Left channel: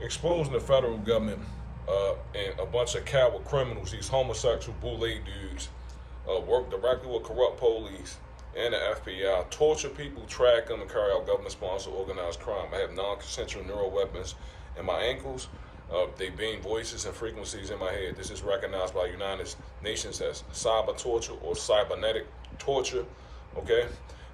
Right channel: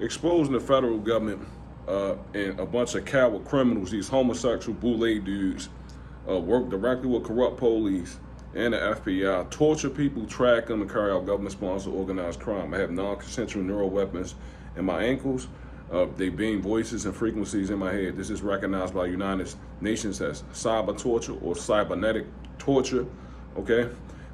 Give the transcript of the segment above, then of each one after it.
exposing the federal government and a bunch of coward criminals, these homosexual boule dudes, work directly with corrupt police and the FBI, torture people, track them, and carry out government-sponsored organized crime. I have non-consensual neural weapons in my ankles. They beam voices and frequencies in my head. This is recognized by the United Nations as cyber torture or cybernetic torture, okay?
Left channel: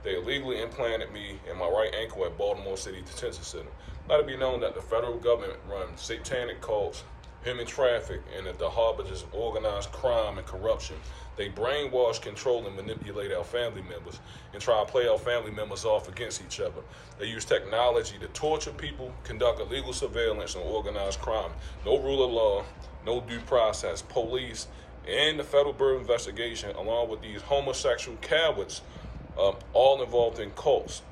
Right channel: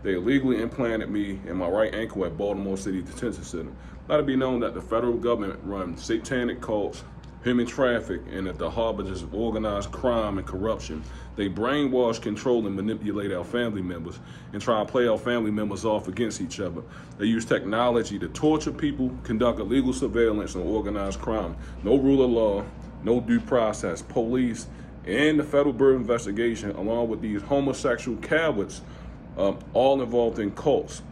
They illegally implanted me in my right ankle at Baltimore City Detention Center. Let it be known that the federal government runs satanic cults, human traffic, and at the harbingers of organized crime and corruption. They brainwash, control, and manipulate our family members and try to play our family members off against each other. They use technology to torture people, conduct illegal surveillance, and organized crime. No rule of law, no due process. Police and the Federal Bureau of Investigation, along with these homosexual cowards, all involved in cults.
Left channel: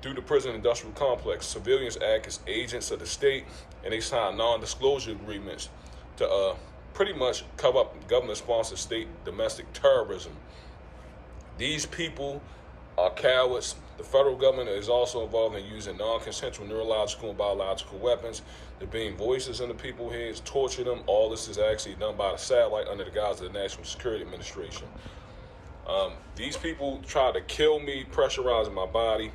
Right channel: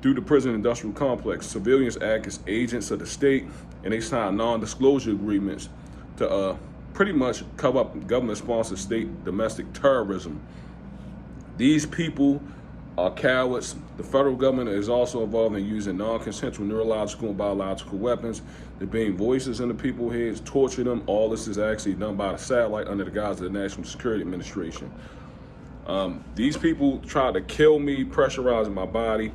Through the prison industrial complex, civilians act as agents of the state, and they sign non-disclosure agreements to pretty much cover up government-sponsored state domestic terrorism. These people are cowards. The federal government is also involved in using non-consensual neurological and biological weapons. They're being voices in the people's heads, torture them. All this is actually done by a satellite under the guise of the National Security Administration. These people try to kill me, pressurizing my body.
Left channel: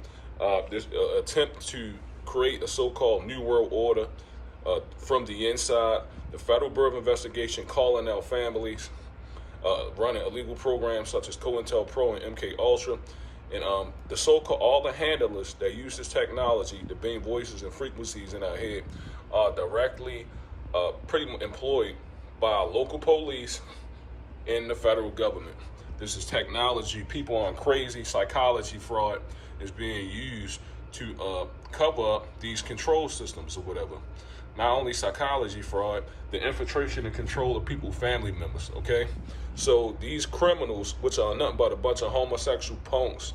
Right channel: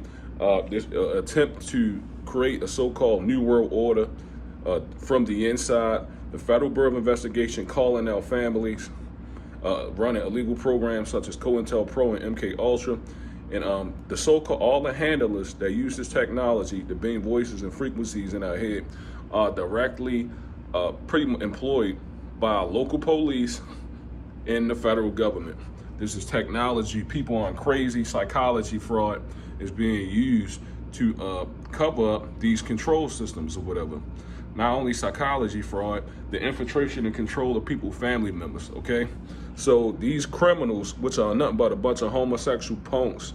This attempt to create a so-called New World Order from the inside. The Federal Bureau of Investigation calling out families, running illegal programs such as COINTELPRO and MK Ultra, and the so-called all the handlers that use this technology to beam voices and frequencies in our head are directly pretty much employed by local police and the federal government. This is technology. People aren't crazy. Psychology fraud is being used to cover up these control systems or whatever. Not only psychology fraud, the infiltration and control of people's family members, okay? So these criminals, which are nothing but a bunch of homosexual punks,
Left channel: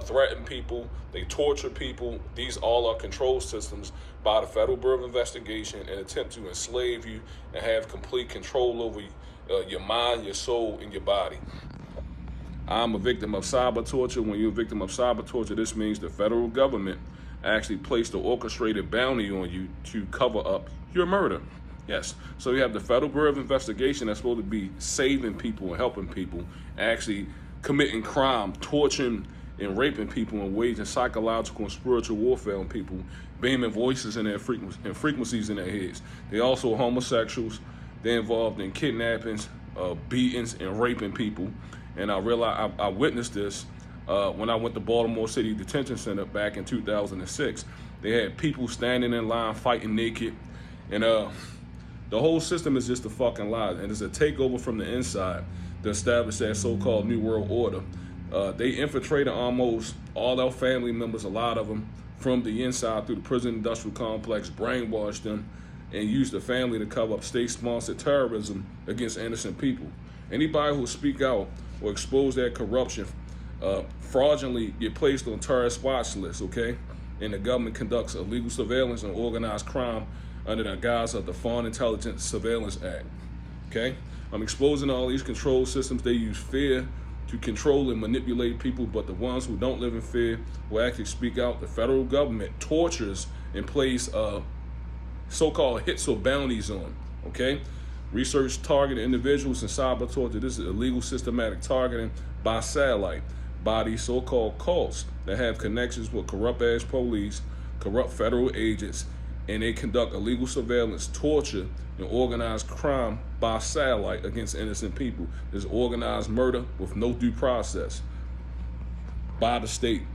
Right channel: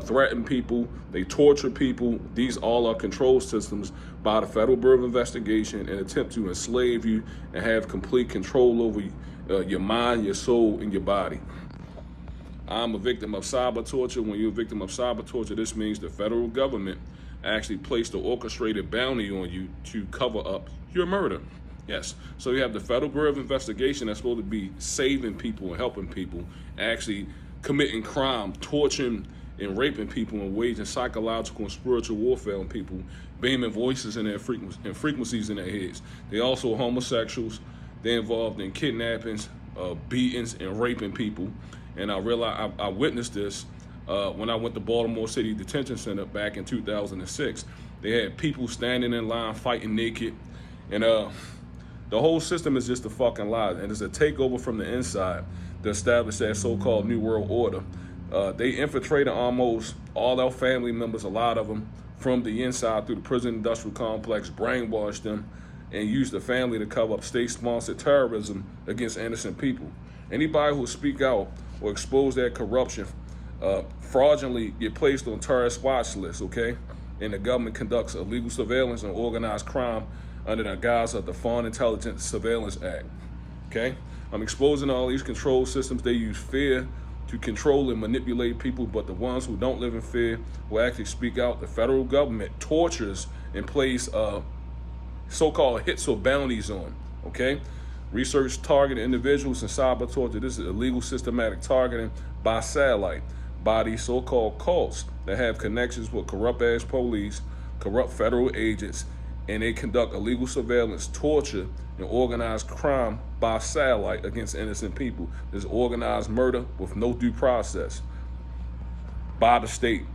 threaten people, they torture people. These all are control systems by the Federal Bureau of Investigation and attempt to enslave you and have complete control over your mind, your soul, and your body. I'm a victim of cyber torture. When you're a victim of cyber torture, this means the federal government actually placed an orchestrated bounty on you to cover up your murder. Yes. So you have the Federal Bureau of Investigation that's supposed to be saving people and helping people, actually committing crime, torturing and raping people, and waging psychological and spiritual warfare on people, beaming voices in their frequencies in their heads. They also homosexuals. They're involved in kidnappings, beatings, and raping people. And I realized I witnessed this when I went to Baltimore City Detention Center back in 2006. They had people standing in line fighting naked, and the whole system is just a fucking lie, and it's a takeover from the inside to establish that so-called New World Order. They infiltrated almost all our family members, a lot of them, from the inside through the prison industrial complex, brainwashed them, and used the family to cover up state-sponsored terrorism against innocent people. Anybody who speak out or expose that corruption fraudulently get placed on terrorist watch lists, okay? And the government conducts illegal surveillance and organized crime under the guise of the Foreign Intelligence Surveillance Act, okay? I'm exposing all these control systems. They use fear to control and manipulate people, but the ones who don't live in fear will actually speak out. The federal government tortures and plays so-called hits or bounties on, okay? Research targeted individuals and cyber torture. This is illegal systematic targeting by satellite by these so-called cults that have connections with corrupt-ass police, corrupt federal agents, and they conduct illegal surveillance, torture, and organized crime by satellite against innocent people. There's organized murder with no due process by the state.